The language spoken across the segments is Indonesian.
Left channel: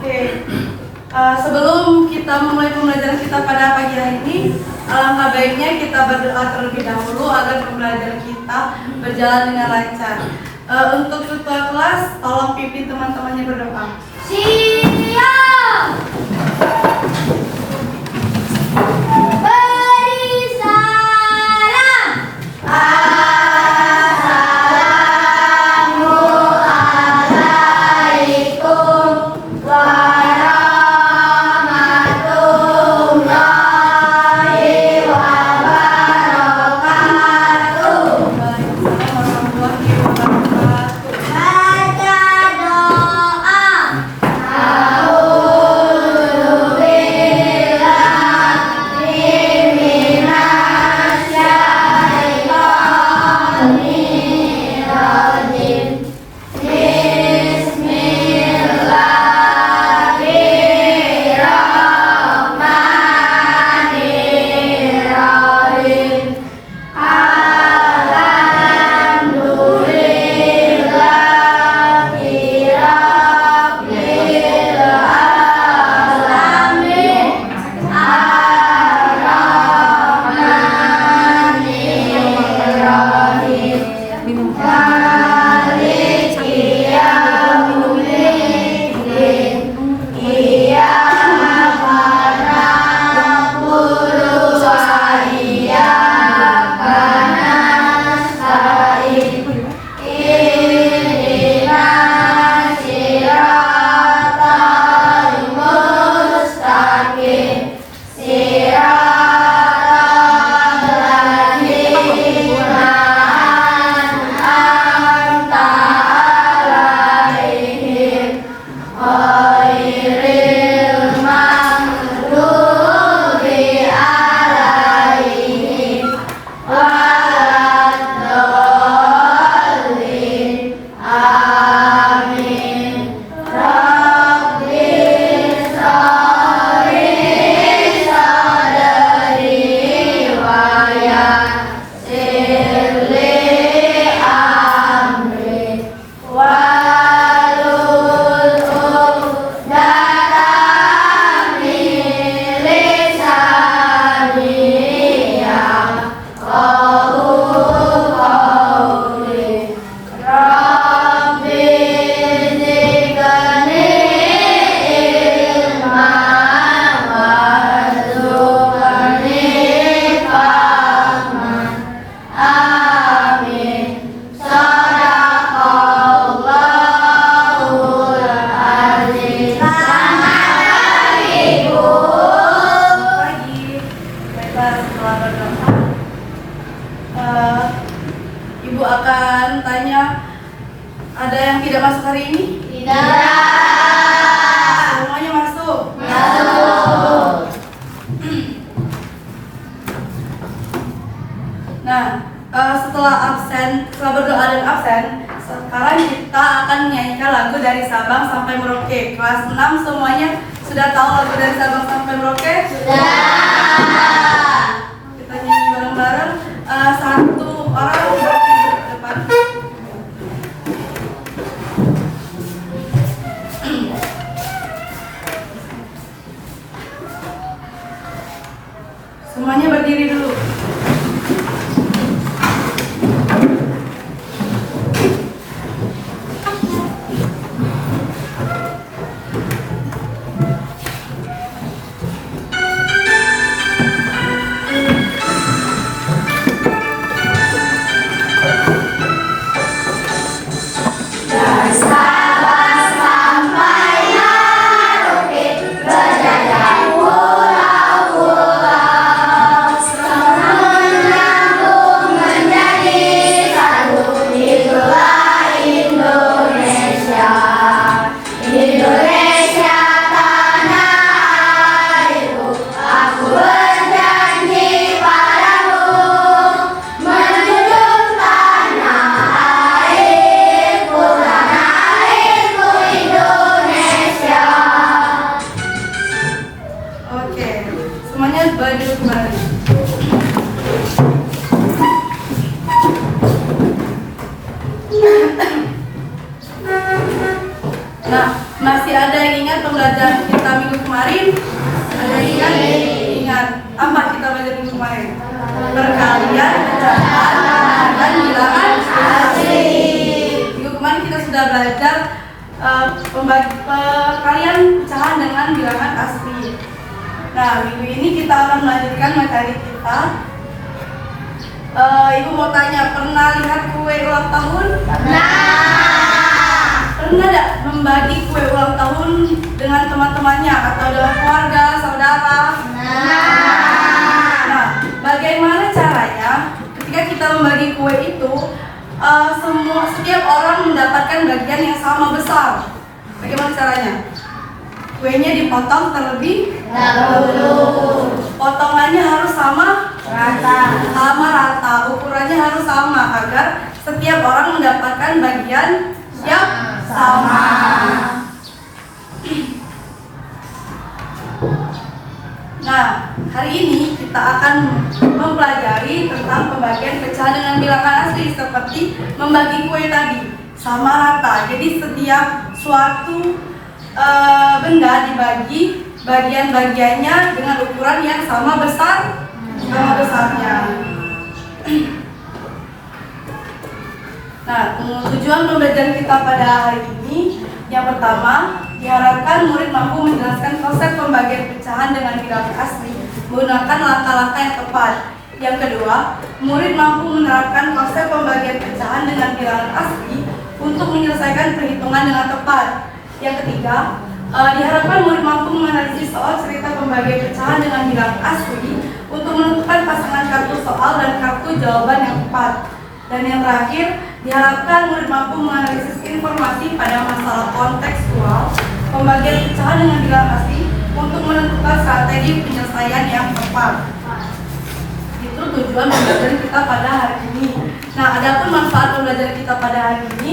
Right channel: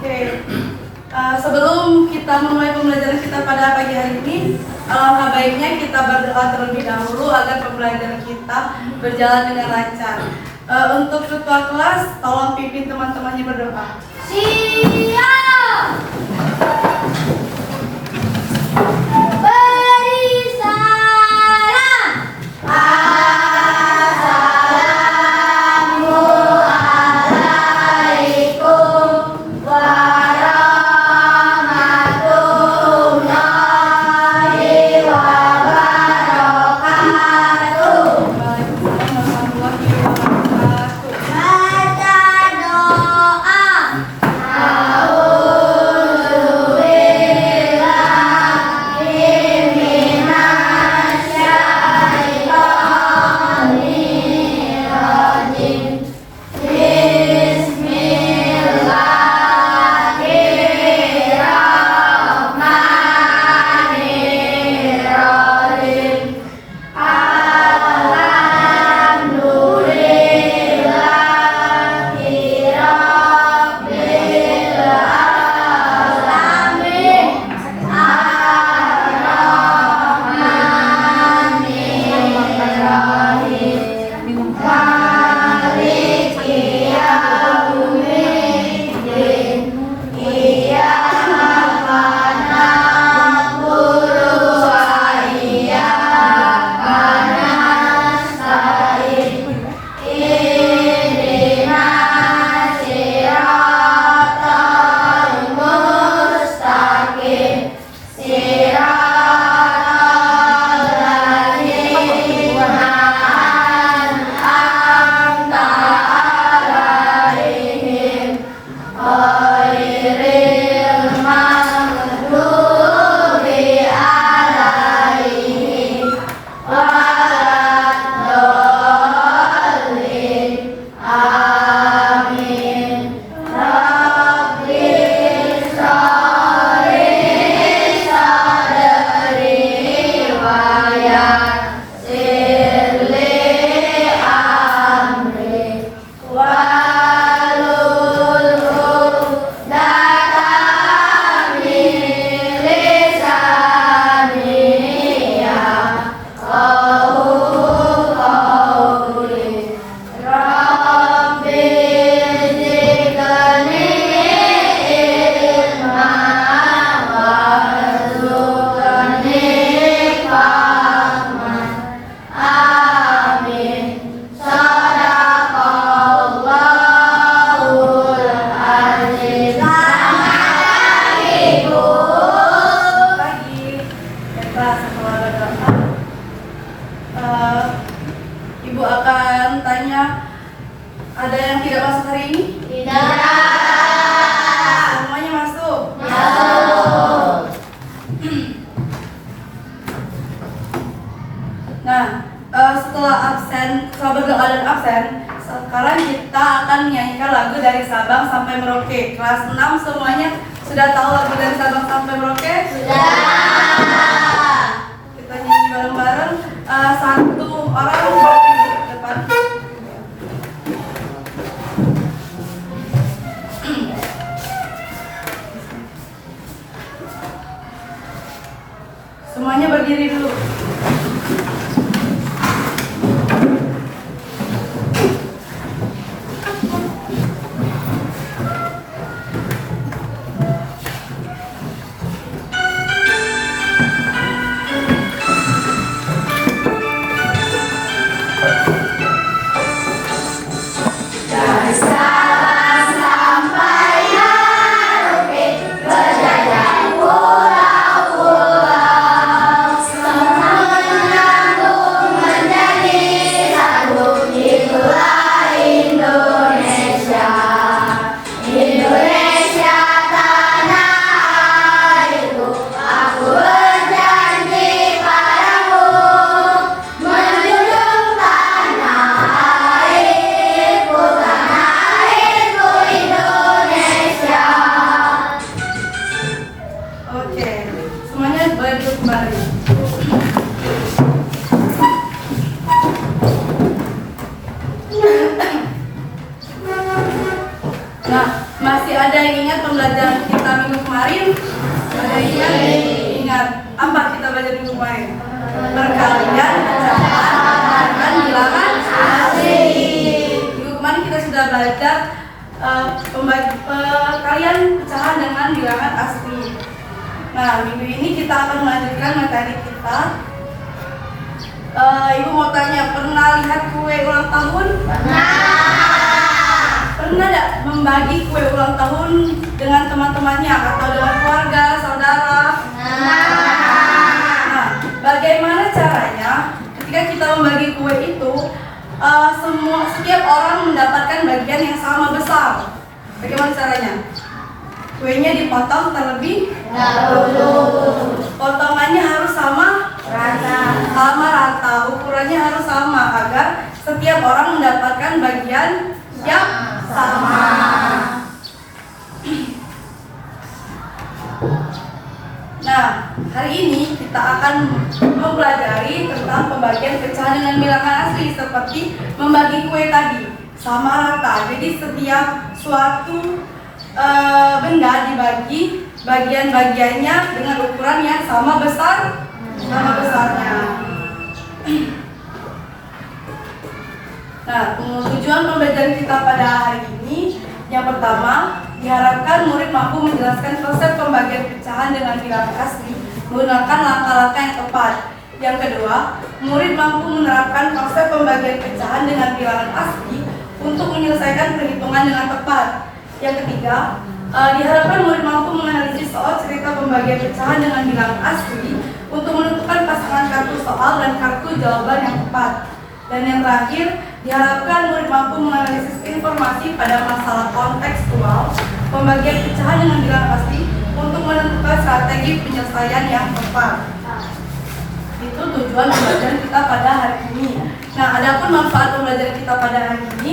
Oke, sebelum kita memulai pembelajaran kita pada pagi hari ini, alangkah baiknya kita berdoa terlebih dahulu agar pembelajaran kita berjalan dengan lancar. Untuk ketua kelas, tolong pimpin teman-temannya berdoa. Siap. Beri salam. Assalamualaikum warahmatullahi wabarakatuh. Baca doa. Ibu akan tanya, ada yang tidak masuk hari ini? Tidak. Semuanya masuk? Masuk. Nah, setelah berdoa dan absen, sekarang kita akan menyanyikan lagu dari Sabang sampai Merauke. Kelas 6 semuanya sudah tahu lagu dari Sabang sampai Merauke? Sudah. Kita nyanyi bareng-bareng. Satu orang berdiri di depan. Semuanya berdiri dulu. Berjalan pulau-pulau pembelajaran kita minggu kemarin? Ingat apa kita belajar minggu kemarin? Perkalian, pecahan, dan bilangan asli. Minggu kemarin kita sudah belajar perkalian pecahan dengan bilangan asli. Nah, minggu ini kita akan melanjutkan materi kita. Ibu mau tanya, pernah lihat kue ulang tahun? Pernah tidak membagi kue ulang tahun dengan teman-temannya atau dengan keluarga, saudara? Nah, bagaimana caranya ketika kita membagi kue itu, setiap orang mendapatkan bagian yang sama besar? Bagaimana caranya? Kuenya dipotong terlebih dahulu. Potongannya harus sama rata, ukurannya harus sama agar setiap orang mendapatkan bagian yang sama. Nah, hari ini kita akan mempelajari tentang pembagian pecahan dengan bilangan asli seperti membagi kue tadi sama rata. Jadi setiap suatu benda dibagi bagian-bagiannya dengan ukuran yang sama besarnya. Nah, tujuan pembelajaran kita pada hari ini, yang pertama, diharapkan murid mampu menjelaskan konsep pembagian pecahan dengan bilangan asli menggunakan langkah-langkah yang tepat. Yang kedua, murid mampu menerapkan konsep pembagian pecahan dengan bilangan asli untuk menyelesaikan perhitungan dengan tepat. Yang ketiga, diharapkan murid mampu menganalisis soal cerita pembagian pecahan dengan bilangan asli untuk menentukan pasangan kartu soal dan kartu jawaban yang tepat. Dan yang terakhir, diharapkan murid mampu menganalisis informasi pada masalah kontekstual pembagian pecahan dengan bilangan asli untuk menentukan strategi penyelesaian yang tepat. Itu tujuan pembelajaran kita pada hari ini. Nah, adapun manfaat pembelajaran kita pada hari ini,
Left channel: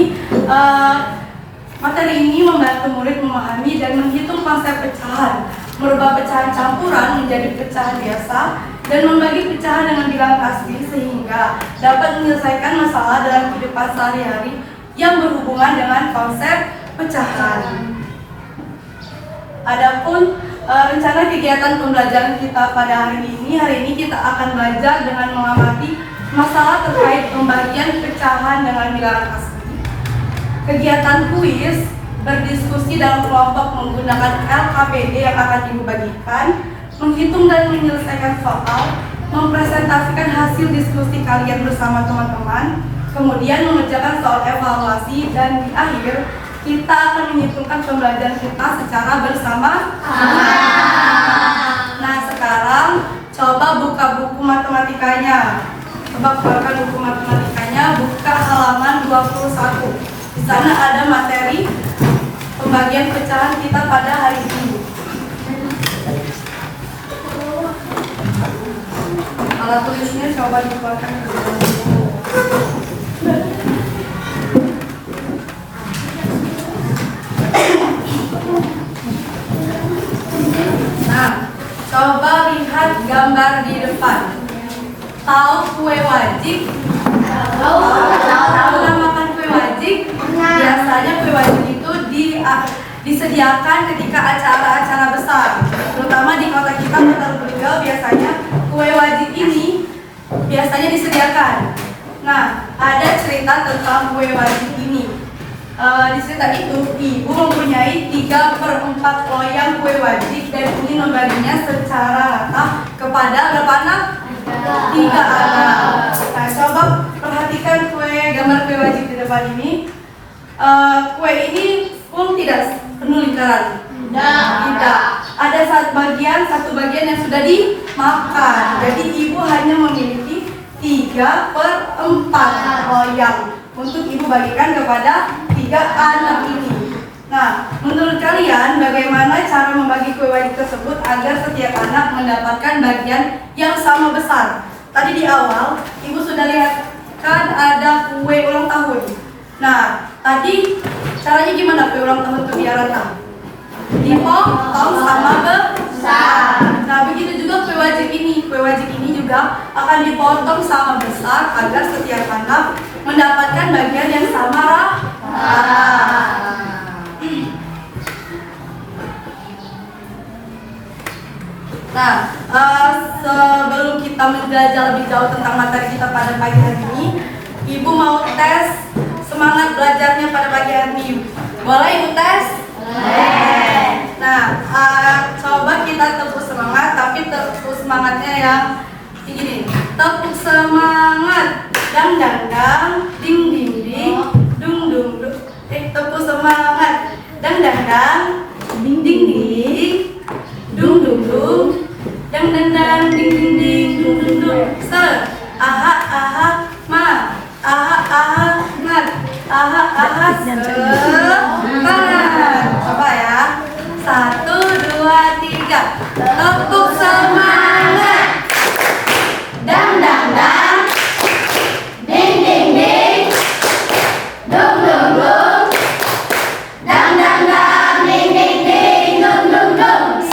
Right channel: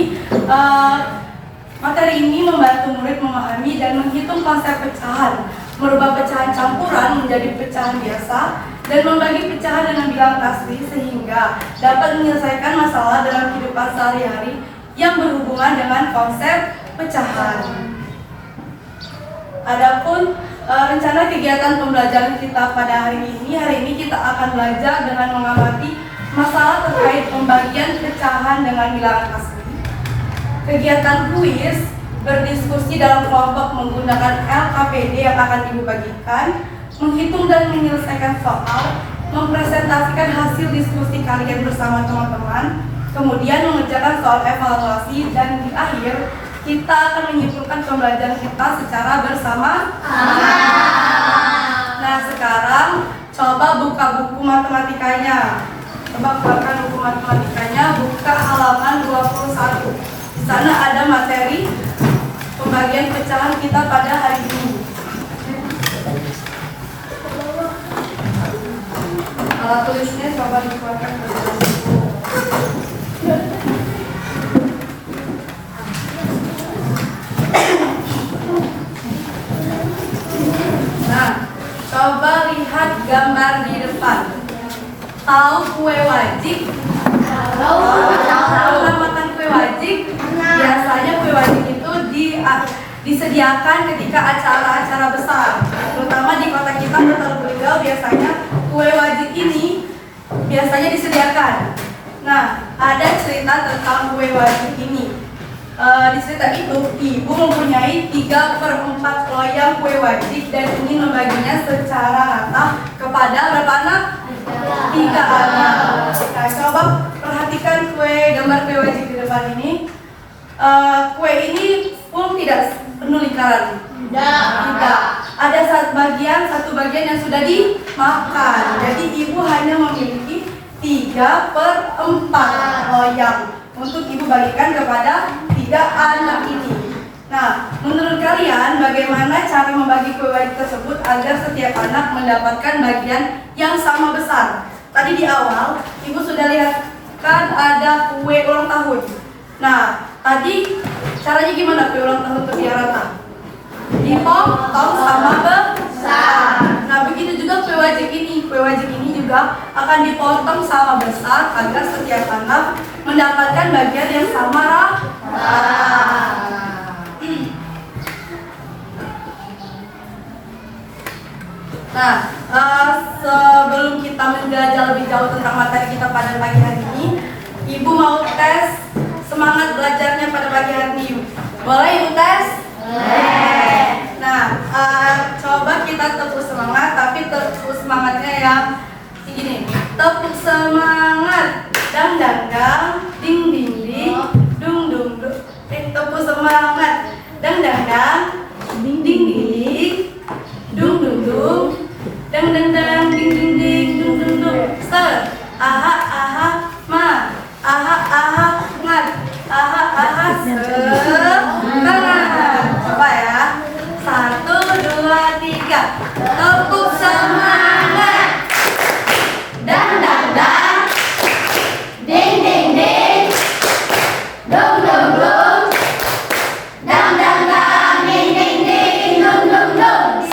materi ini membantu murid memahami dan menghitung konsep pecahan, merubah pecahan campuran menjadi pecahan biasa, dan membagi pecahan dengan bilangan asli sehingga dapat menyelesaikan masalah dalam kehidupan sehari-hari yang berhubungan dengan konsep pecahan. Adapun rencana kegiatan pembelajaran kita pada hari ini kita akan belajar dengan mengamati masalah terkait pembagian pecahan dengan bilangan asli. Kegiatan kuis, berdiskusi dalam kelompok menggunakan LKPD yang akan Ibu bagikan, menghitung dan menyelesaikan soal, mempresentasikan hasil diskusi kalian bersama teman-teman, kemudian mengerjakan soal evaluasi, dan di akhir kita akan menyimpulkan pembelajaran kita secara bersama. Nah, sekarang coba buka buku matematikanya. Coba keluarkan buku matematikanya, buka halaman 21. Di sana ada materi pembagian pecahan kita pada hari ini. Alat tulisnya coba dikeluarkan ke dalam buku. Nah, coba lihat gambar di depan. Tahu kue wajik? Tahu makan kue wajik? Biasanya kue wajik itu disediakan ketika acara-acara besar, terutama di kota kita, Kota Lubulingga. Biasanya kue wajik ini biasanya disediakan. Nah, ada cerita tentang kue wajik ini. Di cerita itu, ibu mempunyai 3/4 loyang kue wajik dan ingin membaginya secara rata kepada berapa anak? 3 anak. Nah, coba perhatikan gambar kue wajik di depan ini. Kue ini pun tidak penuh lingkaran. Tidak. Ada satu bagian yang sudah dimakan. Jadi ibu hanya memiliki 3/4 loyang untuk ibu bagikan kepada 3 anak ini. Nah, menurut kalian bagaimana cara membagi kue wajik tersebut agar setiap anak mendapatkan bagian yang sama besar? Tadi di awal ibu sudah lihat kan ada kue ulang tahun. Nah, tadi caranya gimana kue ulang tahun itu biar rata? Dipotong sama besar. Nah, begitu juga kue wajik ini. Kue wajik ini juga akan dipotong sama besar agar setiap anak mendapatkan bagian yang sama rata. Nah, sebelum kita menjelajah lebih jauh tentang materi kita pada pagi hari ini, Ibu mau tes semangat belajarnya pada pagi hari ini. Boleh Ibu tes? Boleh. Nah, coba kita tepuk semangat, tapi tepuk semangatnya yang begini. Tepuk semangat, dang dang dang, ding ding ding, dung dung dung. Tepuk semangat, dang dang dang, ding ding ding, dung dung dung, dang dang dang, ding ding ding, dung dung dung. Aha aha ma, aha aha ngat, aha aha semangat. Coba ya. 1, 2, 3. Tepuk semangat. Dang dang dang. Ding ding ding. Dung dung dung. Dang dang dang. Ding ding ding. Dung dung dung.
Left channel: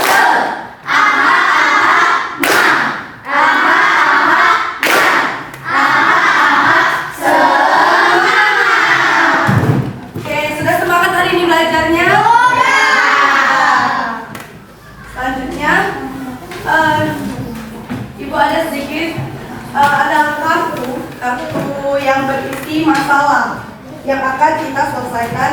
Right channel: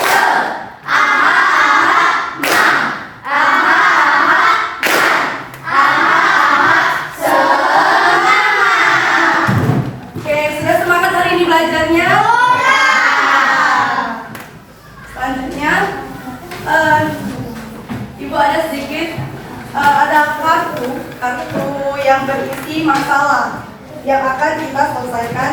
Aha aha ma. Aha aha ma. Aha aha semangat. Oke, sudah semangat hari ini belajarnya? Selanjutnya, Ibu ada sedikit ada kartu yang berisi masalah yang akan kita selesaikan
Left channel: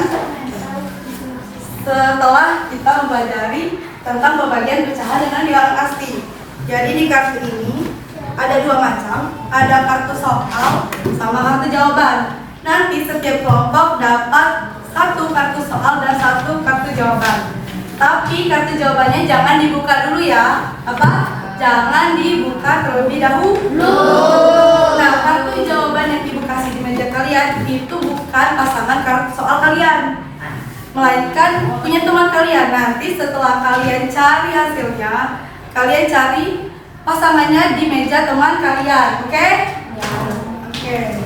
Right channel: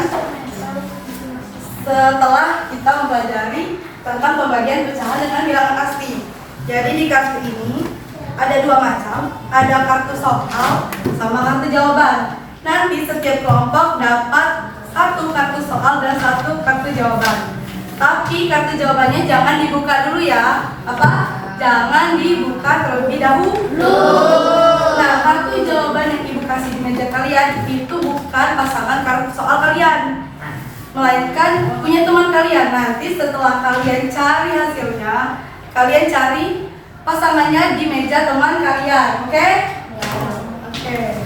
setelah kita mempelajari tentang pembagian pecahan dengan bilangan asli. Jadi di kartu ini ada 2 macam, ada kartu soal sama kartu jawaban. Nanti setiap kelompok dapat 1 kartu soal dan 1 kartu jawaban. Tapi kartu jawabannya jangan dibuka dulu ya. Apa? Jangan dibuka terlebih dahulu. Nah, kartu jawaban yang Ibu kasih di meja kalian itu bukan pasangan kartu soal kalian, melainkan punya teman kalian. Nanti setelah kalian cari hasilnya, kalian cari pasangannya di meja teman kalian. Oke? Oke.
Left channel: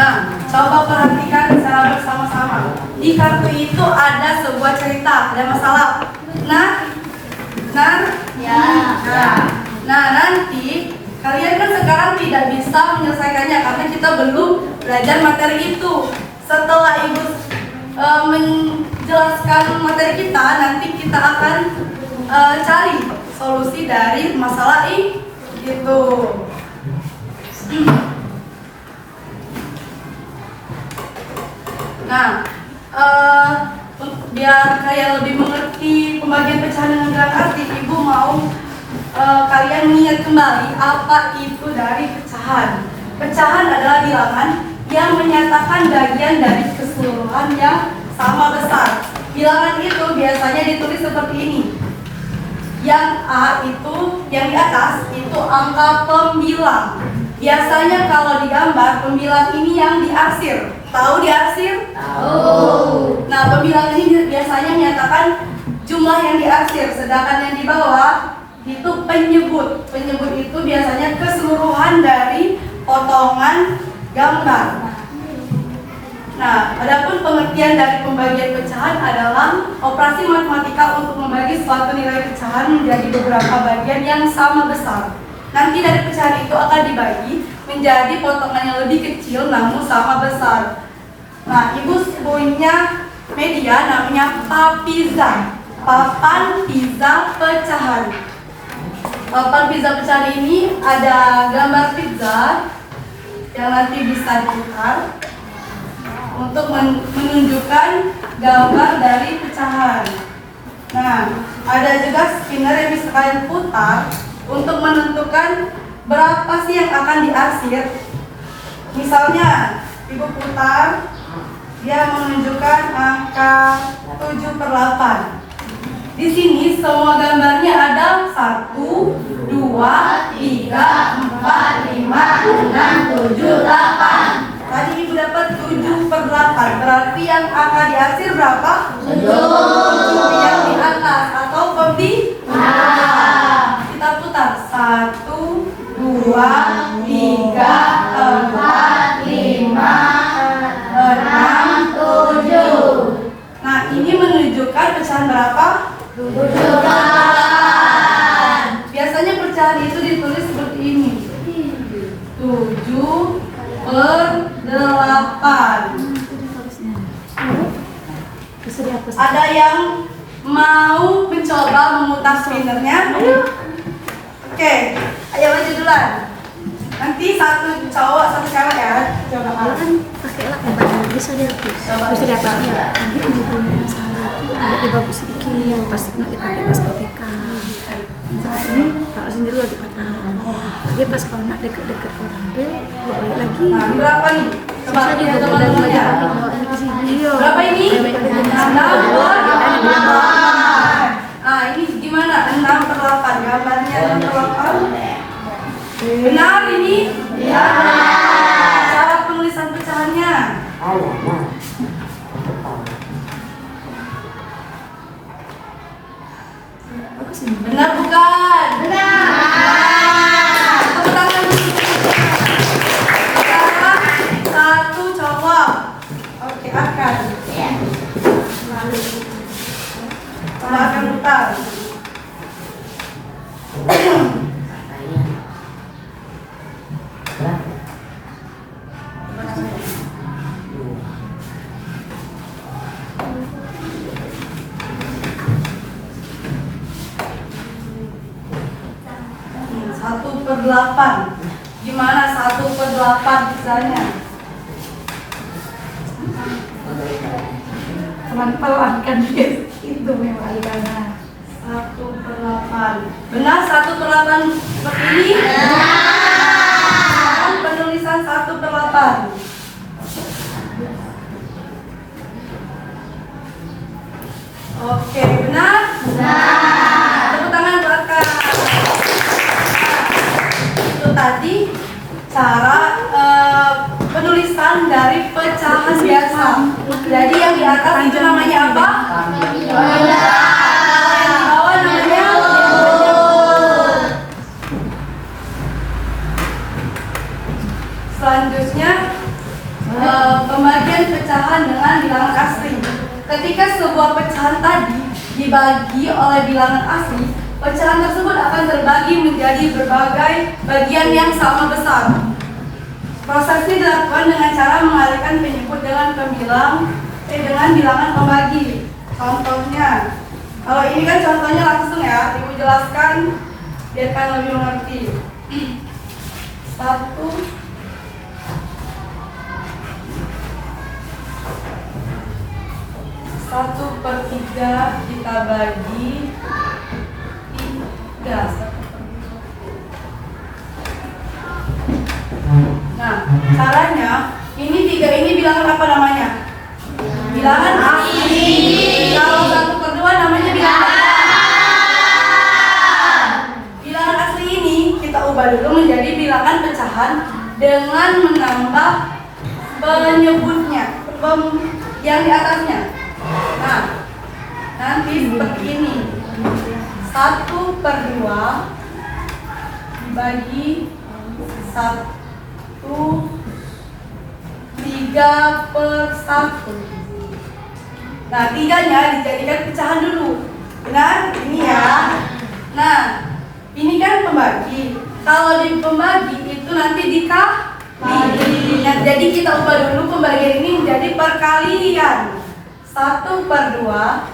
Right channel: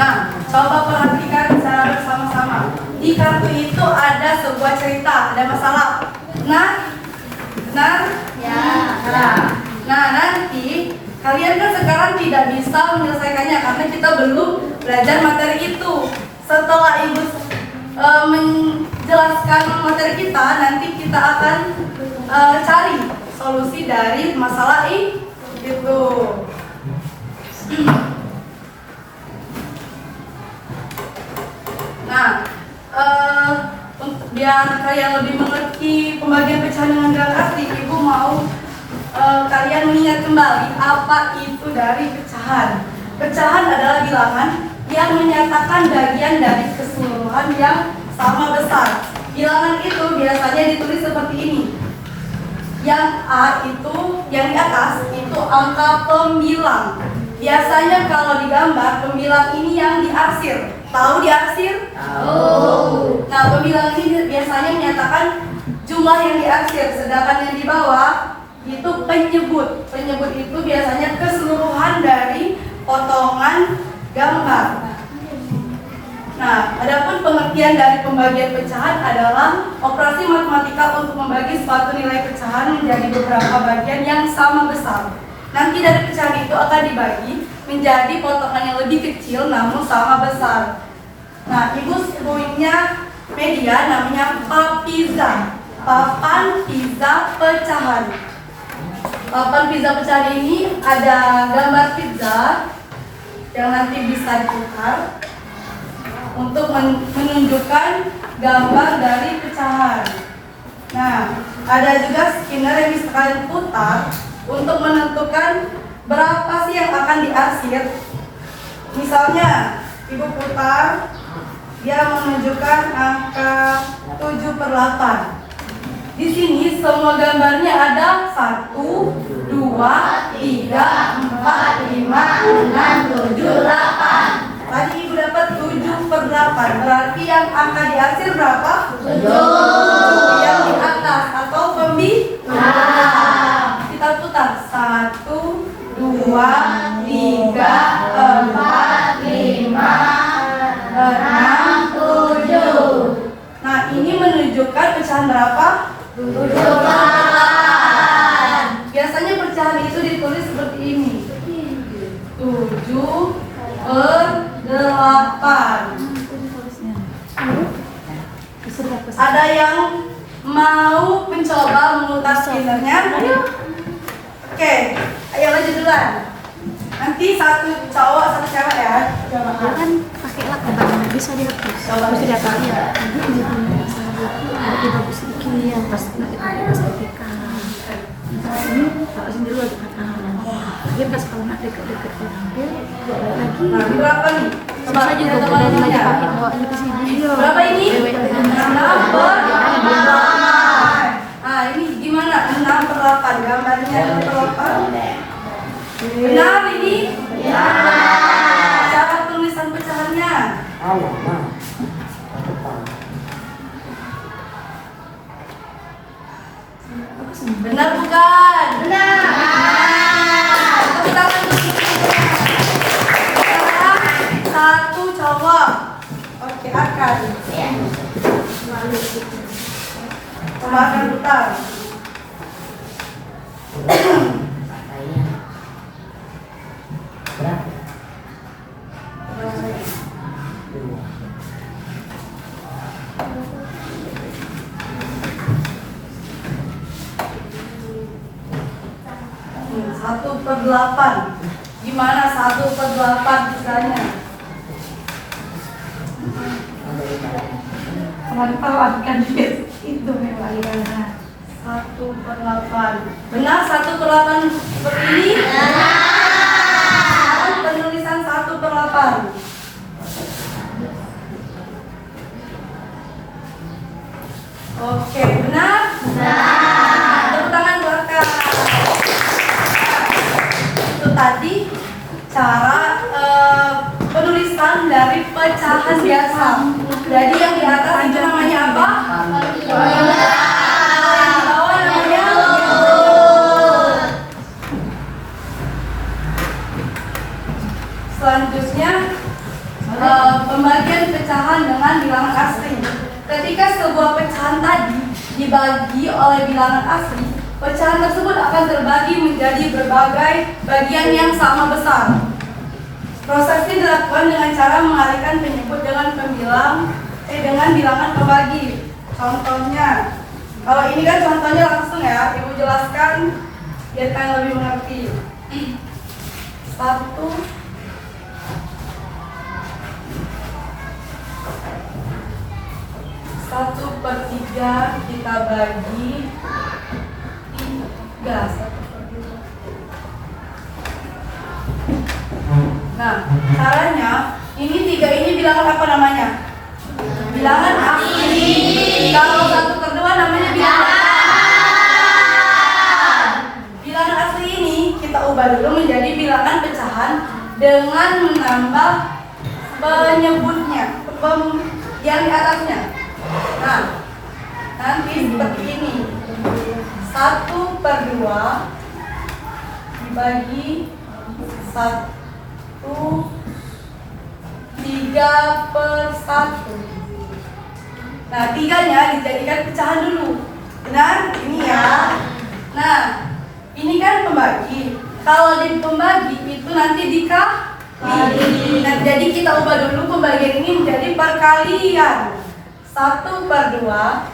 Nah, coba perhatikan secara bersama-sama. Di kartu itu ada sebuah cerita, ada masalah. Benar? Ya. Nah, nanti kalian kan sekarang tidak bisa menyelesaikannya karena kita belum belajar materi itu. Setelah Ibu menjelaskan materi kita, nanti kita akan cari solusi dari masalah itu. Nah, biar kalian lebih mengerti pembagian pecahan dengan bilangan asli, Ibu mau kalian mengingat kembali apa itu dari pecahan. Pecahan adalah bilangan yang menyatakan bagian dari keseluruhan yang sama besar. Bilangan itu biasanya ditulis seperti ini. Yang A itu, yang di atas itu angka pembilang. Biasanya kalau digambar, pembilang ini yang diarsir. Tahu diarsir? Tahu. Nah, pembilang ini biasanya menyatakan jumlah yang diarsir, sedangkan yang di bawah itu penyebut. Penyebut itu biasanya keseluruhan dari potongan gambar. Nah, adapun pengertian dari pembagian pecahan adalah operasi matematika untuk membagi suatu nilai pecahan menjadi beberapa bagian yang sama besar. Nanti dari pecahan itu akan dibagi menjadi potongan yang lebih kecil namun sama besar. Nah, Ibu punya media namanya papiza, papan pizza pecahan. Papan pizza pecahan ini ada gambar pizza yang nanti bisa diputar untuk menunjukkan gambar dari pecahan. Nah, ada juga spinner yang bisa kalian putar untuk menentukan berapa sih yang akan diarsir. Misalnya, Ibu putar, dia menunjukkan angka 7/8. Di sini semua gambarnya ada 1, 2, 3, 4, 5, 6, 7, 8. Tadi Ibu dapat 7/8. Berarti yang akan diarsir berapa? 7 yang di atas atau pembilang. Kita putar 1, 2, 3, 4, 5, 6, 7. Nah, ini menunjukkan pecahan berapa? 8. Biasanya pecahan itu ditulis seperti ini. 7/8. Ada yang mau mencoba memutar spinnernya? Oke, ayo maju duluan. Nanti satu cowok, satu cewek ya. Coba kan pakai lakukan bisa dia Coba bisa dia coba. pakai nanti juga punya masalah ada bagus sedikit yang pas kita pakai pas PPK ini kalau sendiri lagi kata dia pas kalau nak deket-deket orang dia balik lagi Nah, ini berapa nih? Coba saya juga lihat udah mulai teman-temannya. pakai bawa ini ke sini Berapa ini? 6/8. Ah, ini gimana? 6/8. Gambarnya 6/8. Benar ini? Cara penulisan pecahannya. Benar bukan? Benar. Tepuk tangan dulu. Sekarang satu cowok. Oke, akan. Coba akan putar. Nih, 1/8. Gimana 1/8 misalnya? Pelan-pelan kan guys. itu memang karena 1/8. Benar 1/8 seperti ini? Penulisan 1/8. Oke, benar? Tepuk tangan belakang. Itu tadi cara penulisan dari pecahan biasa. Jadi yang di atas itu namanya apa? Yang di bawah namanya selanjutnya pembagian pecahan dengan bilangan asli. Ketika sebuah pecahan tadi dibagi oleh bilangan asli, pecahan tersebut akan terbagi menjadi berbagai bagian yang sama besar. Proses ini dilakukan dengan cara mengalihkan penyebut dengan dengan bilangan pembagi. Contohnya, kalau ini kan contohnya langsung ya, Ibu jelaskan biar kalian lebih mengerti. 1/3 kita bagi 3. Nah, caranya ini 3 ini bilangan apa namanya? Bilangan asli. Kalau 1/2 namanya bilangan bilangan asli ini kita ubah dulu menjadi bilangan pecahan dengan menambah penyebutnya yang di atasnya. Nah, nanti seperti ini. 1/2 dibagi 3/1. Nah, 3-nya dijadikan pecahan dulu. Benar? Ini ya. Nah, ini kan pembagi. Kalau di pembagi itu nanti dikali. Nah, jadi kita ubah dulu pembagian ini menjadi perkalian. 1/2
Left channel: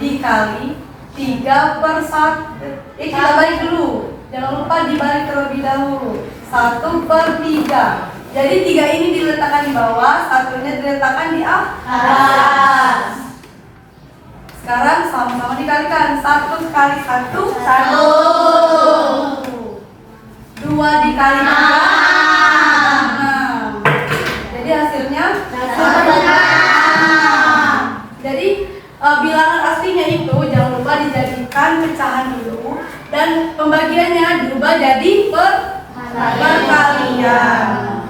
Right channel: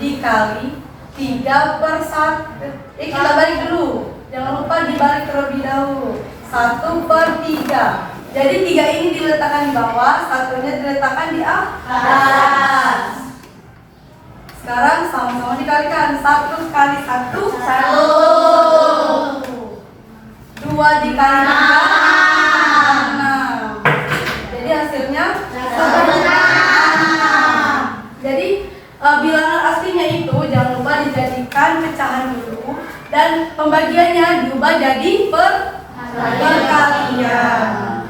dikali 3/1. Kita balik dulu. Jangan lupa dibalik terlebih dahulu. 1/3. Jadi 3 ini diletakkan di bawah, 1-nya diletakkan di atas. Sekarang sama-sama dikalikan. 1 kali 1, 1. 2 dikali 3, 6. Jadi hasilnya 6. Jadi bilangan aslinya itu jangan lupa dijadikan pecahan dulu dan pembagiannya diubah jadi perkalian.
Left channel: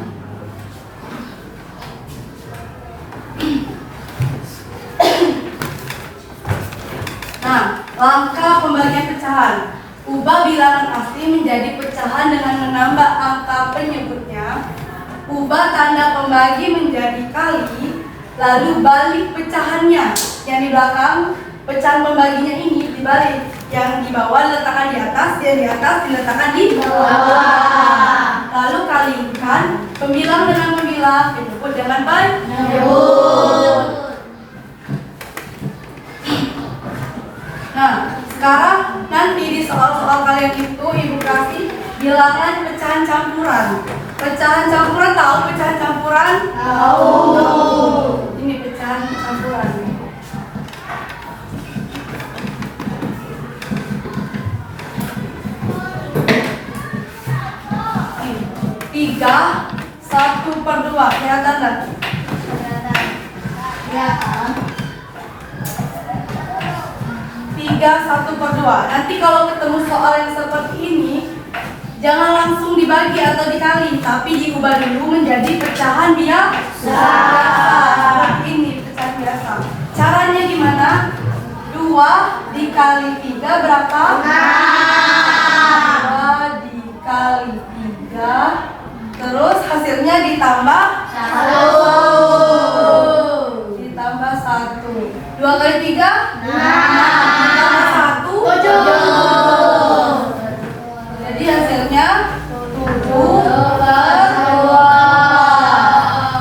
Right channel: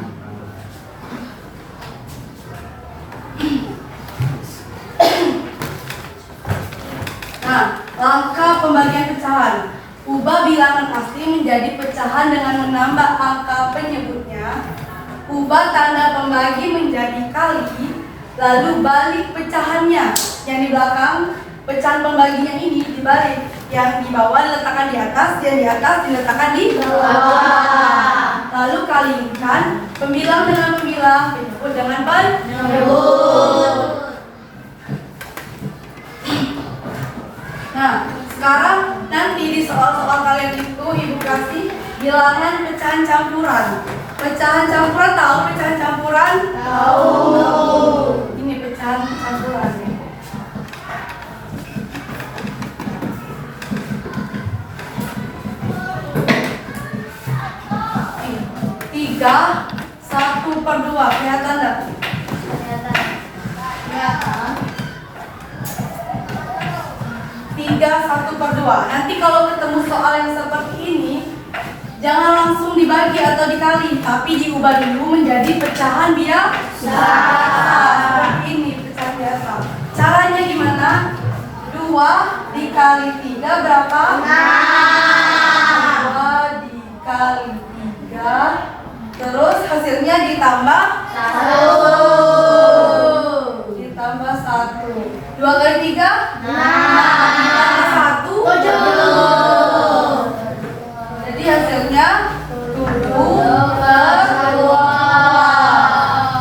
Nah, langkah pembagian pecahan. Ubah bilangan asli menjadi pecahan dengan menambah angka penyebutnya. Ubah tanda pembagi menjadi kali, lalu balik pecahannya yang di belakang pecahan pembaginya ini dibalik. Yang di bawah diletakkan di atas, yang di atas diletakkan di bawah. Lalu kalikan pembilang dengan pembilang, penyebut dengan penyebut. Nah, sekarang nanti di soal-soal kalian itu ibu kasih bilangan pecahan campuran. Pecahan campuran tahu pecahan campuran? Tahu. Ini pecahan campuran. Tiga 1/2 kelihatan nggak? Kelihatan. 3 1/2. Nanti kalau ketemu soal yang seperti ini, jangan langsung dibagi atau dikali, tapi diubah dulu menjadi pecahan biasa. Seperti ini pecahan biasa. Caranya gimana? 2 dikali 3 berapa? 2 dikali 3. Terus hasilnya ditambah 1. Ditambah 1. 2 kali 3? 1. 7. Jadi hasilnya 7/2.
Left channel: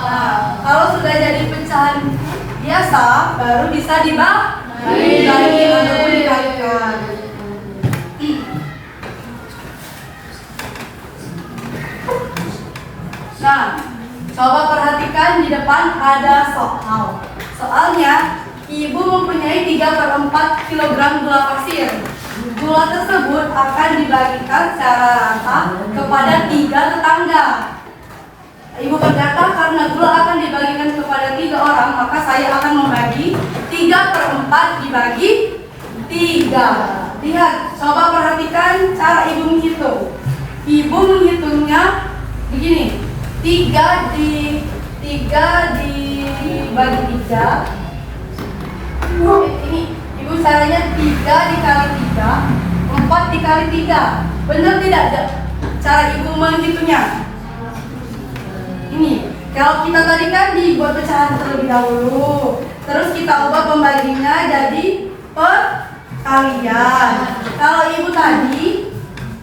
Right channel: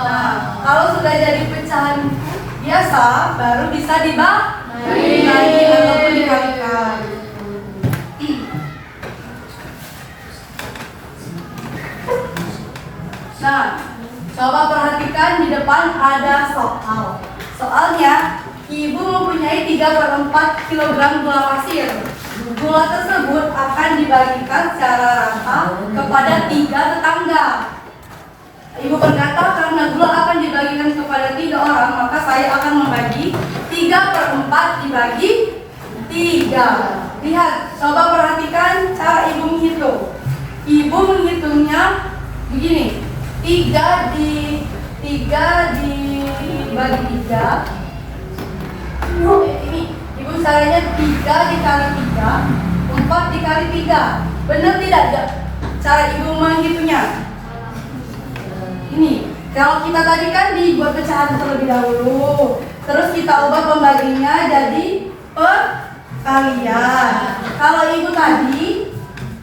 Nah, kalau sudah jadi pecahan biasa, baru bisa dibagi ataupun dikalikan. Nah, coba perhatikan di depan ada soal. Soalnya, ibu mempunyai 3/4 kg gula pasir. Gula tersebut akan dibagikan secara rata kepada 3 tetangga. Ibu berkata, karena gula akan dibagikan kepada 3 orang, maka saya akan membagi 3/4 dibagi 3. Lihat, coba perhatikan cara ibu menghitung. Ibu menghitungnya begini. 3 dibagi 3. Ini ibu caranya 3 dikali 3, 4 dikali 3. Benar tidak cara ibu menghitungnya? Ini kalau kita tadi kan dibuat pecahan terlebih dahulu, terus kita ubah pembaginya jadi perkalian. Kalau ibu tadi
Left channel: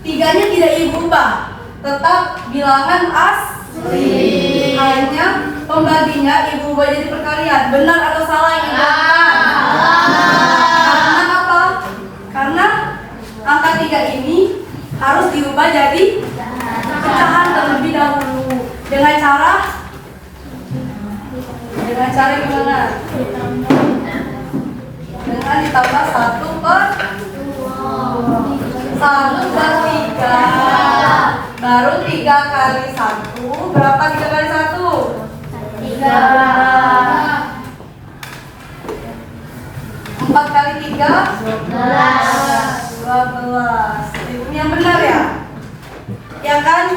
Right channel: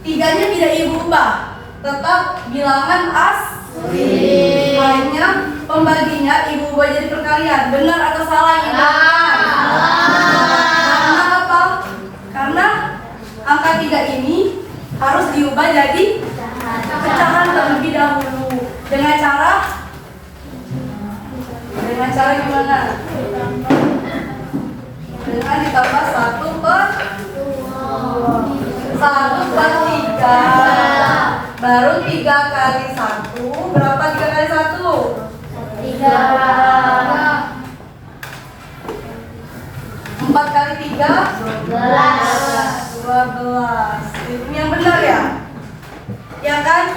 3-nya tidak ibu ubah, tetap bilangan asli. Hanya pembaginya ibu ubah jadi perkalian. Benar atau salah ibu? Karena apa? Karena angka 3 ini harus diubah jadi pecahan terlebih dahulu. Dengan cara gimana? Dengan ditambah 1/3. Baru 3 kali 1. Berapa 3 kali 1? 3. 4 kali 3? 12. Yang benar ya? Ya kan?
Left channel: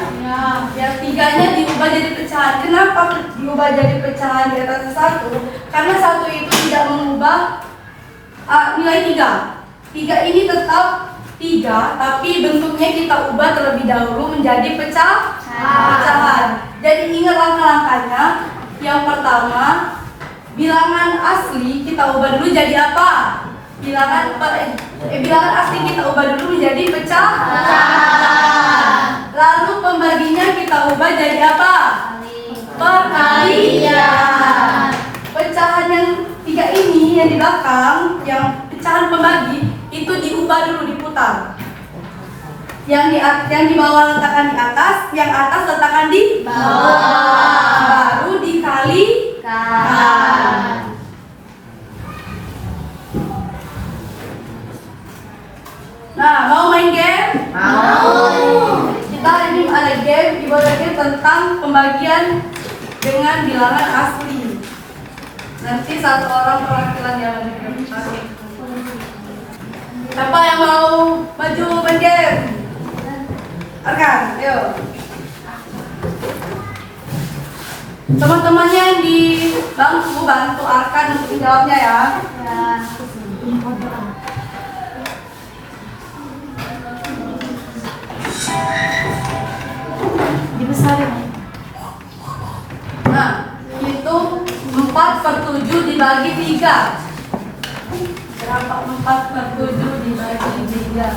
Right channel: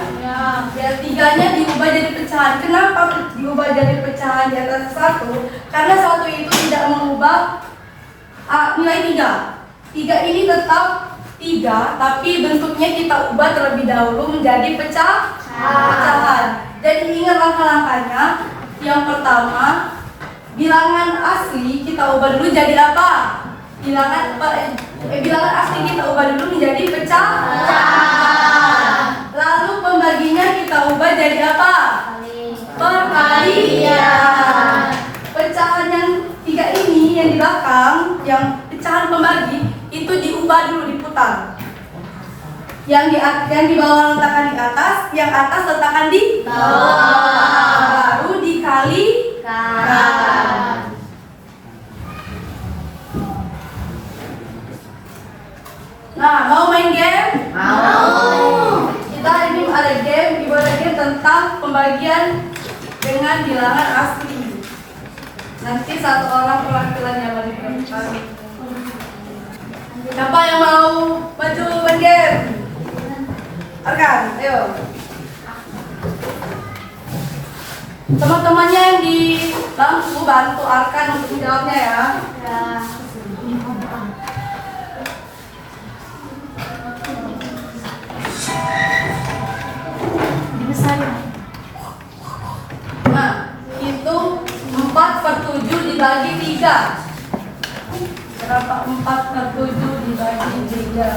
Ya, 3-nya diubah jadi pecahan. Kenapa diubah jadi pecahan di atas 1? Karena 1 itu tidak mengubah nilai 3. 3 ini tetap 3, tapi bentuknya kita ubah terlebih dahulu menjadi pecahan. Jadi ingat langkah-langkahnya. Yang pertama, bilangan asli kita ubah dulu jadi apa? Bilangan asli kita ubah dulu menjadi pecahan. Lalu pembaginya kita ubah jadi apa? Perkalian. Pecahan yang 3 ini yang di belakang, yang pecahan pembagi itu diubah dulu, diputar. Yang di bawah letakkan di atas, yang atas letakkan di bawah. Baru dikalikan. Nah, mau main game? Mau. Kita hari ini ada game, ibu ada game tentang pembagian dengan bilangan asli. Nanti satu orang perwakilan yang bagi. Siapa yang mau maju main game? Arkan, ayo. Teman-temannya yang di bangku bantu Arkan untuk menjawabnya ya. Dibesarin. Nah, itu 4/7 dibagi 3. Berapa 4/7 dibagi 3?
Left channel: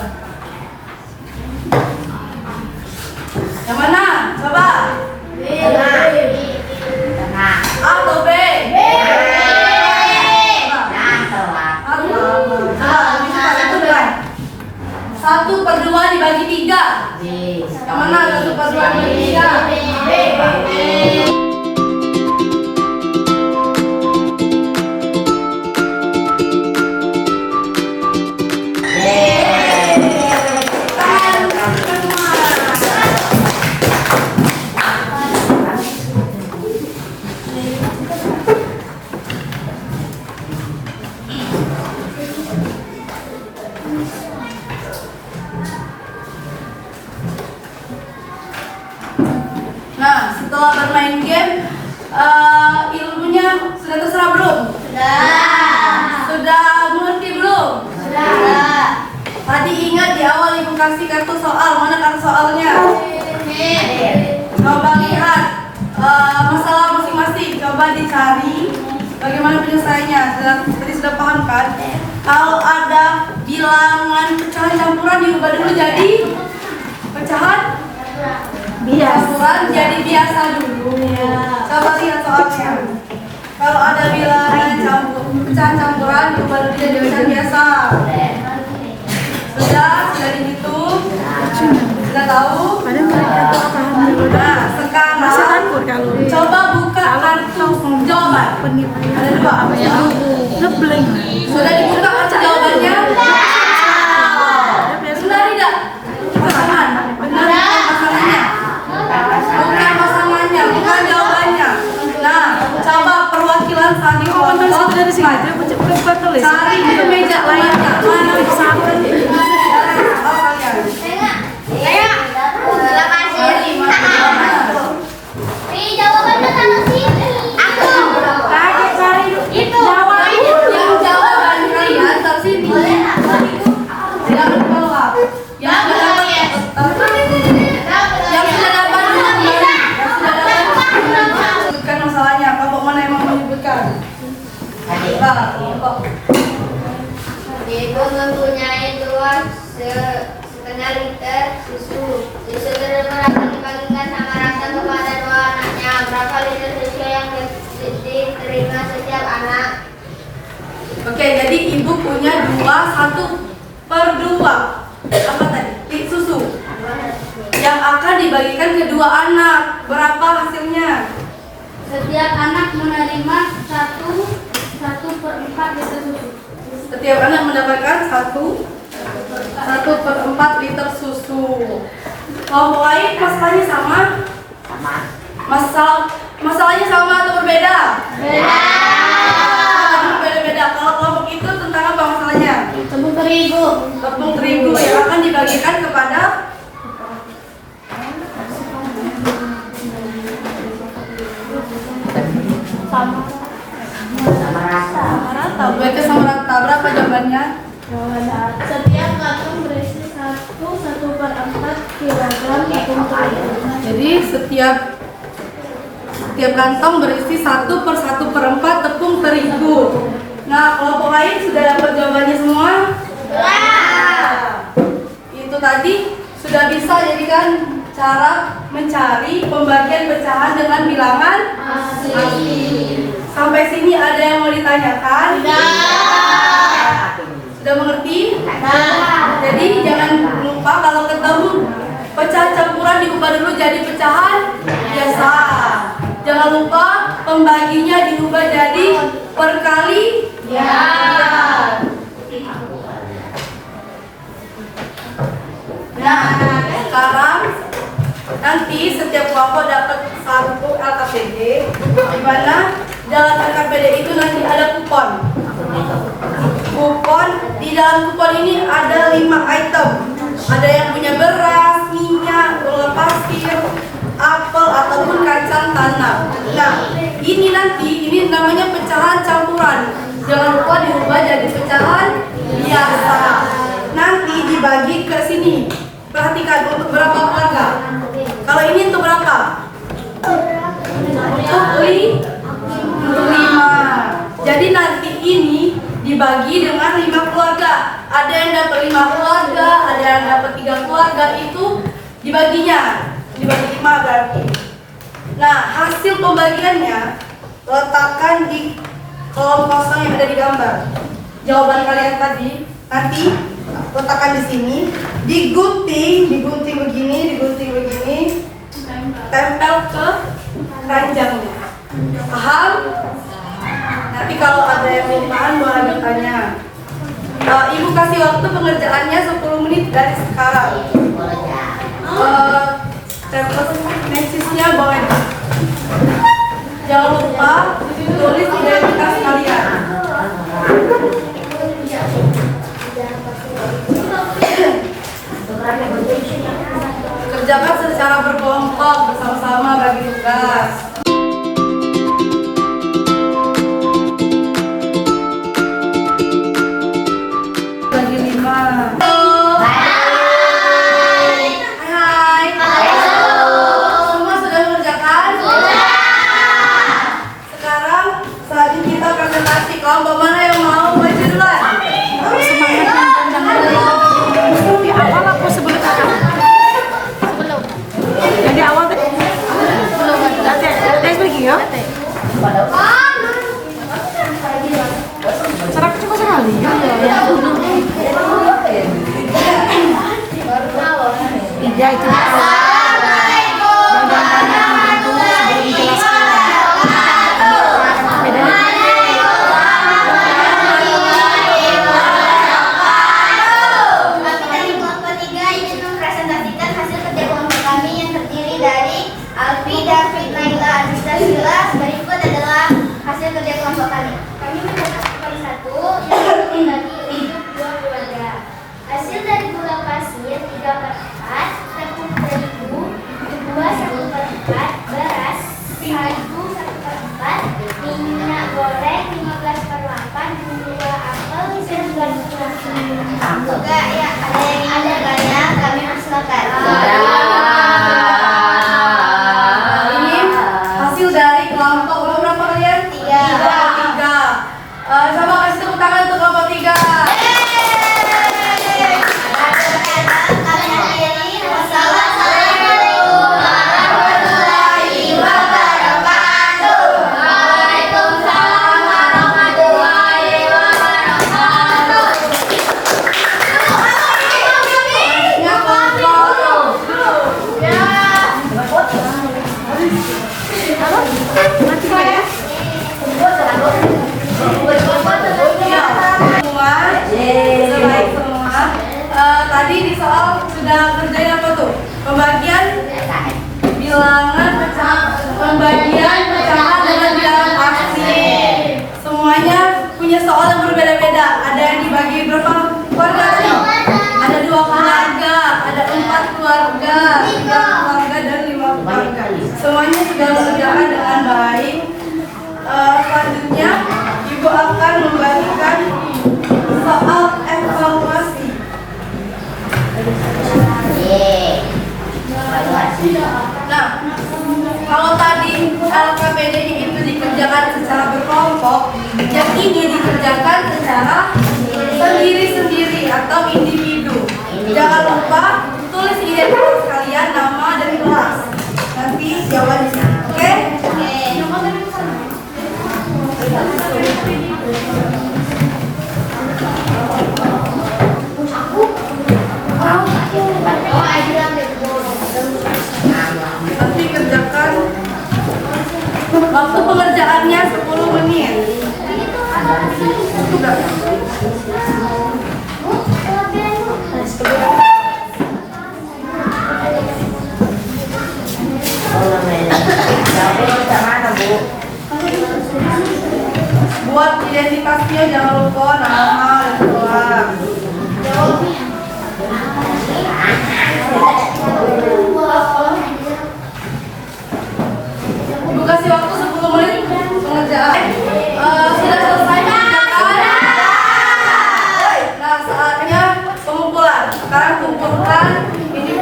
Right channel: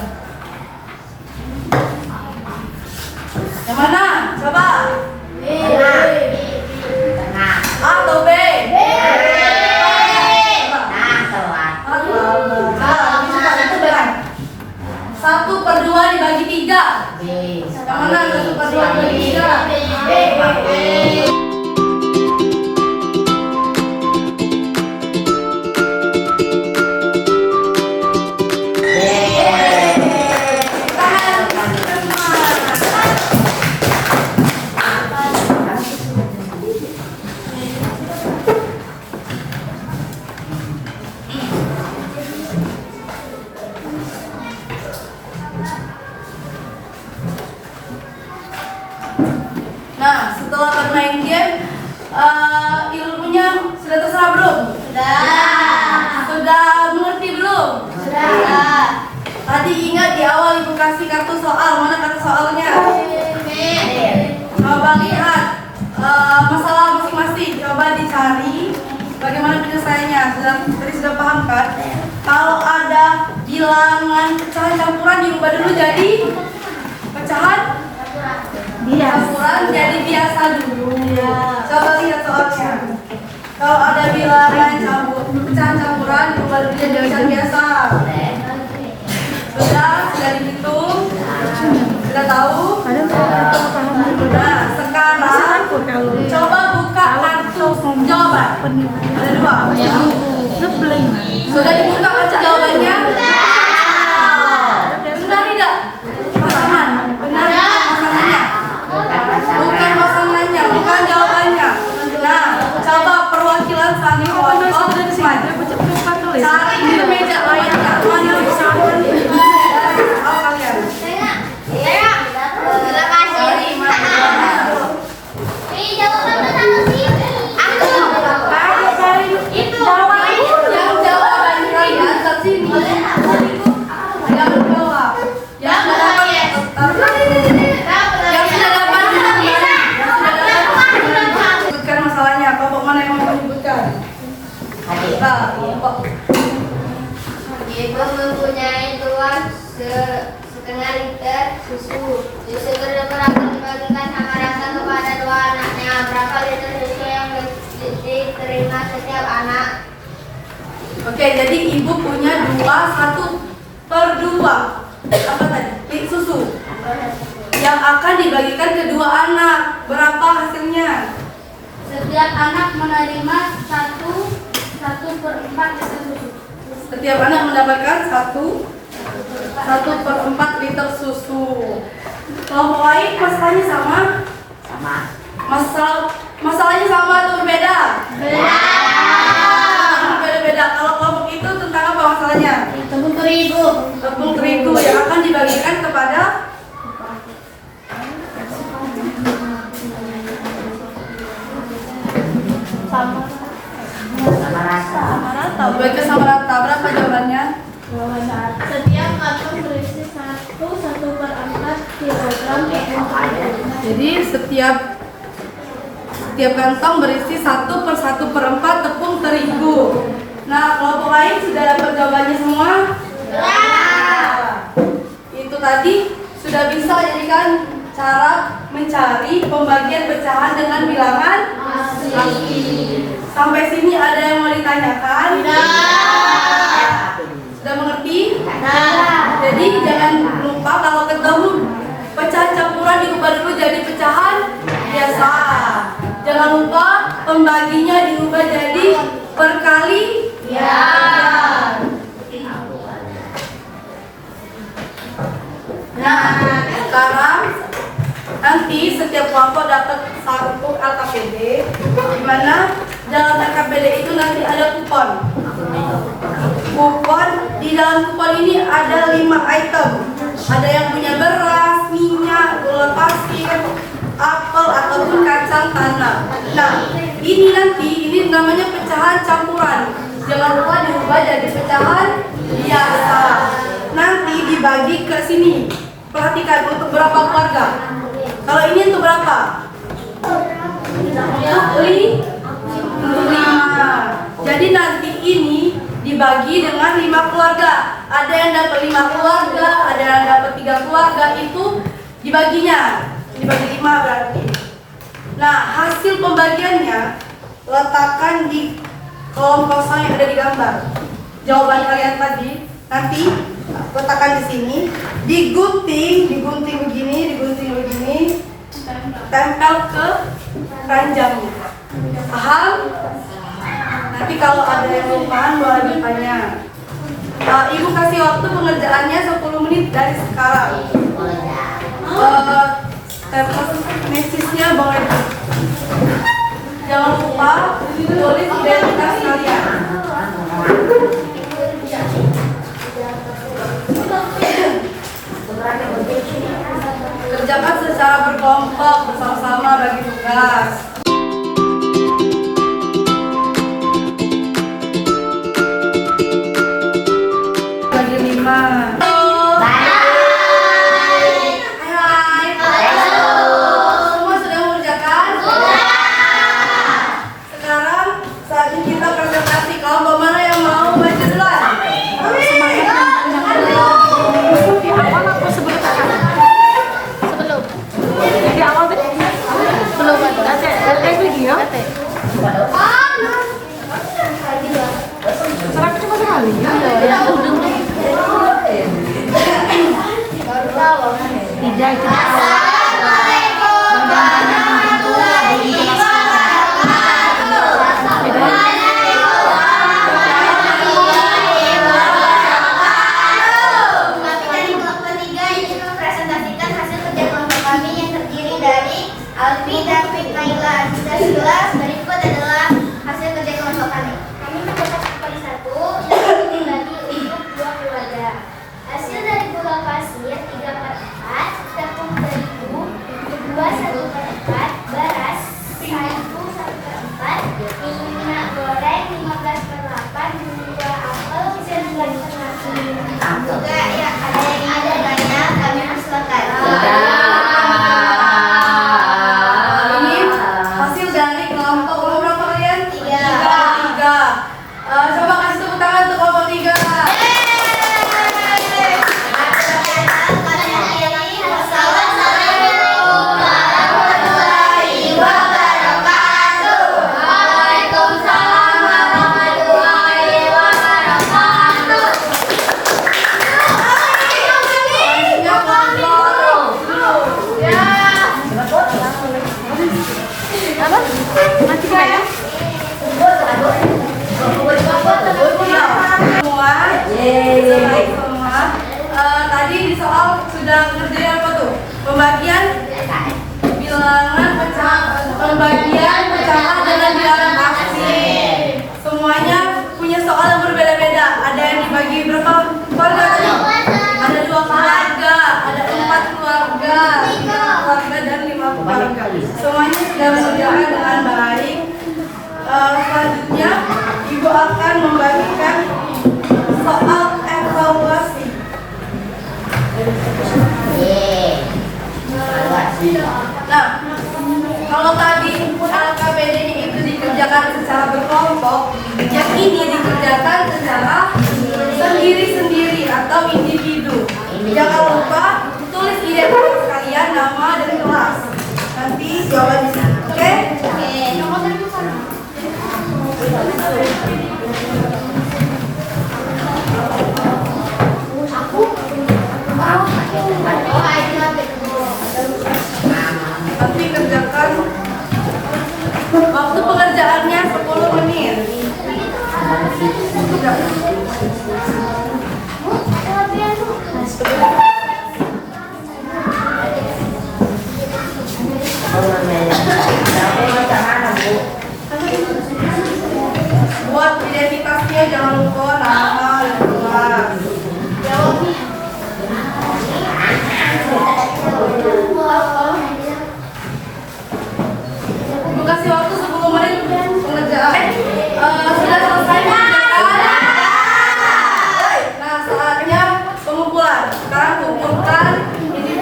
Yang mana? Coba. Tengah. A atau B? Satu per dua dibagi 3. Yang mana 1/2 dibagi 3? Nah, setelah bermain game, ilmunya sudah terserah belum? Sudah mengerti belum? Tadi ingat di awal ibu kasih kartu soal, mana kartu soalnya? Coba lihat masalah masing-masing, coba dicari bagaimana penyelesaiannya. Tadi sudah paham kan? Kalau ada bilangan pecahan campuran diubah dulu jadi pecahan campuran jadi biasa dulu. Coba lihat soalnya. Kalau ada bilangan pecahan campuran diubah dulu jadi pecahan biasa. Sudah dihitung? Sudah tahu? Nah, sekarang coba buka kartu jawaban. Ada 2. Sudah dibuka kartu jawabannya? Benar tidak? Pasangan. Benar pasangannya? Bukan pasangannya, bukan jawabannya. Nah, coba perwakilan satu kelompok cari ke meja temannya. Mana kalian? Ibu mempunyai 2,5 liter susu. Susu tersebut akan dibagikan sama rata kepada 2 anaknya. Berapa liter susu yang diterima setiap anak? Oke, jadi ibu punya 1/2. Apa tadi? Susu yang akan dibagikan ke 2 anak. Berapa hasilnya? Setiap anak menerima 1/4 liter susu. Setiap anak mendapatkan 1/4 liter susu. Kelompok lain masalahnya sama? Masalahnya sama atau berbeda? Berbeda. Kalau kelompok itu tentang apa masalahnya? Tepung terigu. Tepung terigu yang akan dibagikan kepada Sama rata. Dibagikan sama rata. Berapa jawabannya? Setiap kantong berisi 1/4 kilogram tepung terigu. Jadi setiap kantong berisi 1/1/4 tepung terigu. Nah, kelompok lain sudah dapat jawabannya semua? Itu tadi sudah bisa jadikan cara mencari pembagian pecahan dengan bilangan asli. Sampai sini ada yang mau ditanyakan? Sudah mengerti? Jadi jangan lupa kalau ketemu pecahan campuran diubah dulu jadi pecahan biasa. Jangan lupa pembaginya diubah jadi perkalian. Nah, sekarang nanti setiap kelompok dapat 1 LKPD, di mana dalam LKPD itu nanti ada kupon. Di dalam kupon ini ada 5 item. Ada yang punya beras, minyak, gula pasir, apel ataupun kacang tanah. Nah, ini namanya pecahan campuran. Jangan lupa diubah jadi pecahan biasa. Nanti dibagi ke sini. Perhatikan untuk berapa keluarga. Kalau ini untuk berapa? Untuk 5. Jadi nanti ini dibagi dibagi dengan 5 keluarga. Ada yang dapat 5 keluarga, ada yang dapat 3 keluarga, itu dibaginya. Dibagi 5 berarti. Nah, hasil pembagiannya letakkan di kolom kosong yang ada di gambar. Jawaban kalian tadi nanti letakkan di sini, digunting begini, tempel ke keranjangnya. Paham? Nanti kalau ada yang lupaan boleh bertanya. Ibu kasih waktu pengerjaannya 10 menit dari sekarang. Tempel mesisnya boleh. Jangan lupa tulis identitas kalian. Kerjakan secara berkelompok, bersama-sama bagi tugas. Bagi 5. Semua sudah mengerjakan? Sekarang saatnya kita presentasi. Kelompok mana yang mau baca duluan? Jadi awal tadi belum tes lagi ya? Cerak cuma sekali ya? Baru tahu. Tidak itu. Kami dari kelompok 3 ingin mempresentasikan hasil kerja kelompok kami yang terdiri dari Alfi, David, Naila, Azizah, Sila. Berikut adalah hasil kerja kelompok kami. Kami mendapat skor 1 yang dibagi untuk 2 keluarga. Hasil dari gula pasir 3/4, tepung terigu 2/1/4, beras 1/1/4, minyak goreng 15/8, gula apel 9/8. Juga ya ada yang ingin bertanya, kami persilakan. Ini hasil dari kelompok berapa kalian? 3. Coba kasih tepuk tangan untuk kelompok 3. Baik semua. Tadi di soal sudah kerjain apa tuh? Pembagian bilangan pembagian pecahan dengan bilangan asli. Semuanya punya soal yang berbeda-beda. Ada yang dibagi berapa keluarga tadi? Ada 2 keluarga, ada 4 keluarga, 3 keluarga dan 5 keluarga. Semuanya sudah dikerjakan dengan baik. Selanjutnya Ibu akan membagikan soal evaluasi. Nah, kalau tadi LKPD itu dikerjakan secara berkelompok, yang ini dikerjakan secara sendiri-sendiri atau individu. Jangan lupa tulis identitas kalian, nama dan kelas. Nanti jawaban di sini. Oke? Nanti kerjakan waktu pengerjaannya 10 menit. Buat identitasnya jangan lupa nama dan kelas. Ibu kasih waktu 10 menit pengerjaan. Sudah selesai mengerjakan? Nah, saatnya pengumpulan. Sekarang kumpulkan ini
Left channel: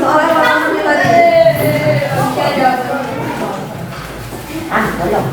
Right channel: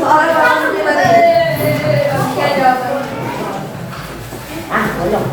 soal evaluasinya tadi. Oke, jawab. Belum.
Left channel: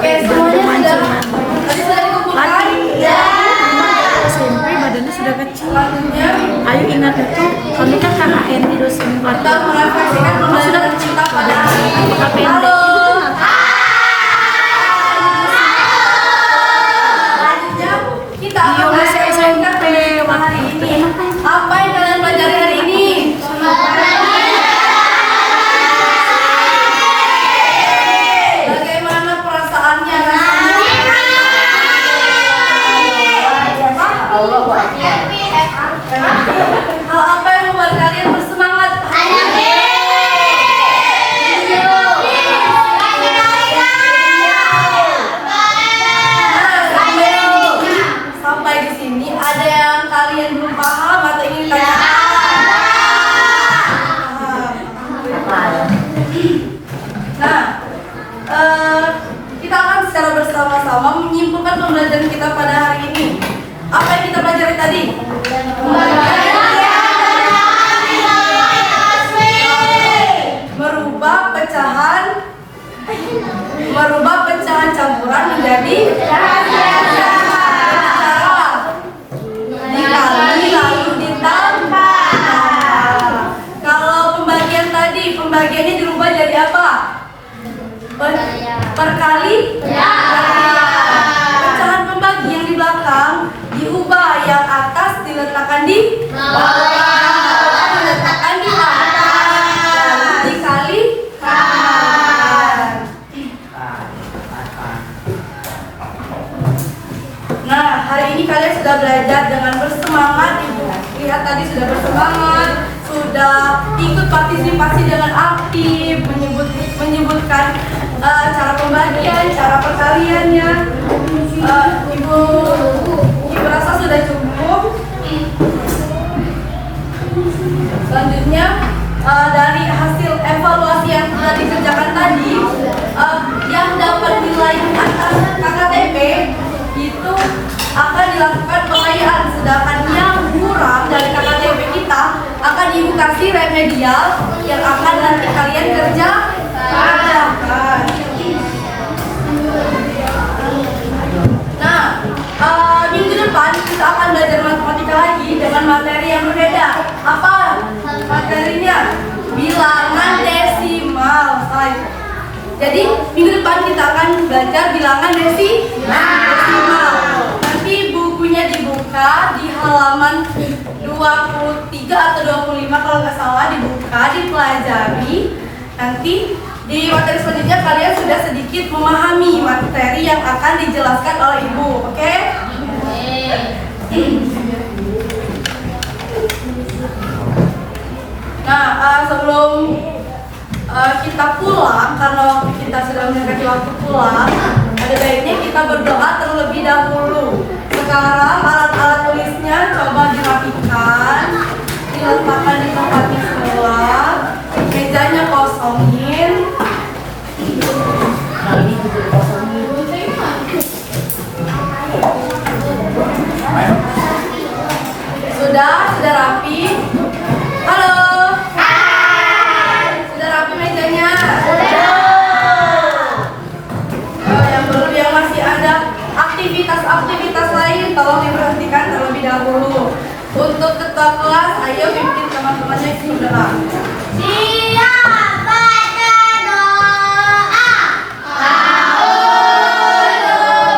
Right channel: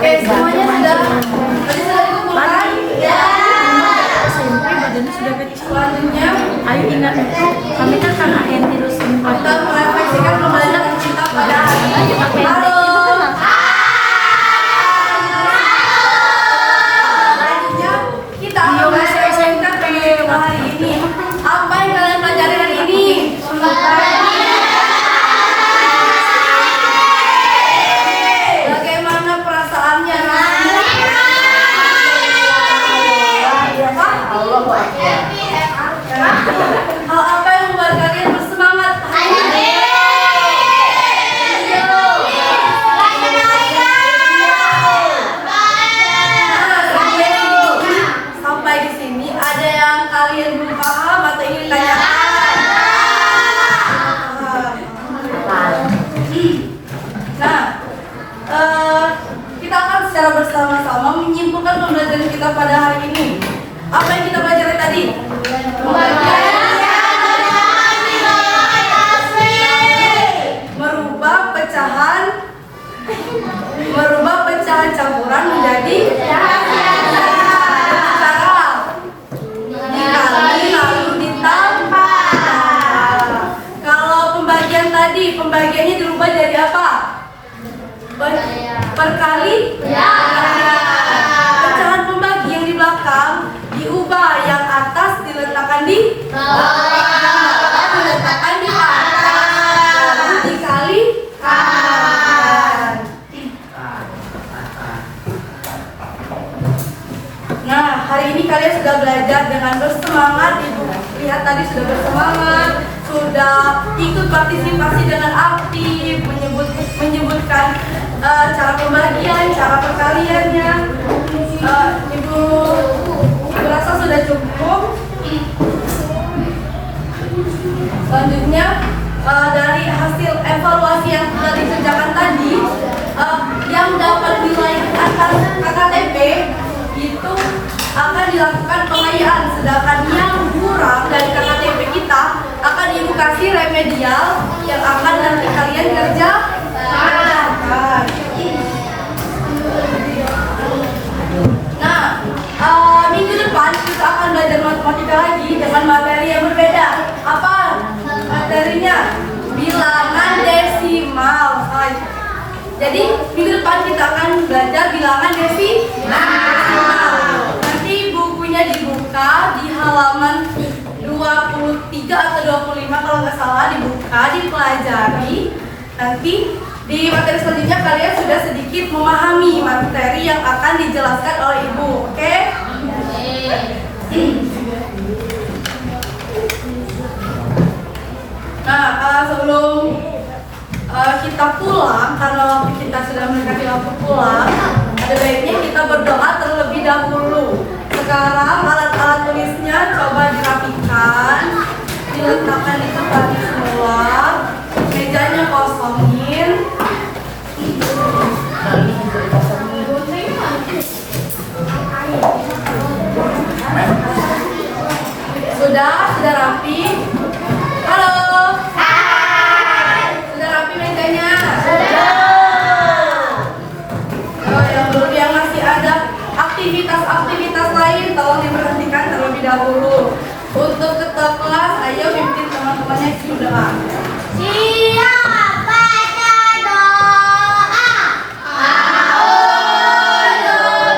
Oke, semuanya sudah dikumpulkan. Ya. SMP badannya sudah kecil. Selanjutnya Ayo ingat itu. Kami kan karena Andy terus kita merefleksikan pembelajaran kita pada hari ini. Halo. Selanjutnya kita akan merefleksikan pembelajaran hari ini. Apa yang kalian pelajari hari ini? Bagaimana perasaannya? Hal apa yang membuat kalian bersemangat? Sampai di sini ada yang kalian belum paham atau ingin ditanyakan? Nah, kita akan secara bersama-sama menyimpulkan pembelajaran kita pada hari ini. Apa yang kita pelajari tadi? Merubah pecahan campuran menjadi dikali lalu ditambah. Kalau pembagian tadi, pembagiannya dirubah jadi apa? Perkali. Pecahan pembagi yang di belakang diubah, yang atas diletakkan di bawah, yang bawah diletakkan di atas, lalu dikali. Nah, hari ini kalian sudah belajar dengan bersemangat. Ibu lihat tadi sudah bersemangat, sudah ikut partisipasi dengan aktif, menyebutkan cara pembagian, cara perkaliannya. Ibu rasa sudah cukup. Selanjutnya dari hasil evaluasi yang sudah dikerjakan tadi, yang dapat nilai atas KKTP itu akan dilakukan pengayaan, sedangkan yang kurang dari KKTP kita akan ibu kasih remedial yang akan nanti kalian kerjakan. Nah, minggu depan kita akan belajar matematika lagi dengan materi yang berbeda. Apa materinya? Bilangan desimal. Jadi minggu depan kita akan belajar bilangan desimal. Nanti bukunya dibuka di halaman 23 atau 25 kalau nggak salah, dibuka, dipelajari. Nanti di materi selanjutnya kalian sudah sedikit memahami materi yang akan dijelaskan oleh ibu, oke? Nah, sebelum kita pulang, karena kita sudah mendekati waktu pulang, ada baiknya kita berdoa terlebih dahulu. Sekarang alat-alat tulisnya coba dirapikan, diletakkan di tempatnya semula, mejanya kosongin. Sudah rapi? Halo? Sudah rapi mejanya? Oh, yang belum, yang masih ada aktivitas lain, tolong diperhatikan terlebih dahulu. Untuk ketua kelas, ayo pimpin teman-temannya berdoa. Siap, baca doa. Bismillahirrahmanirrahim.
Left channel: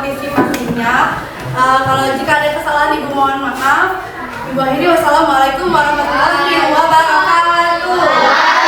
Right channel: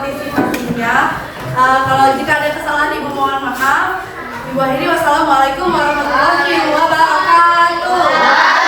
partisipasinya. Kalau jika ada kesalahan Ibu mohon maaf. Ibu akhiri wassalamualaikum warahmatullahi wabarakatuh.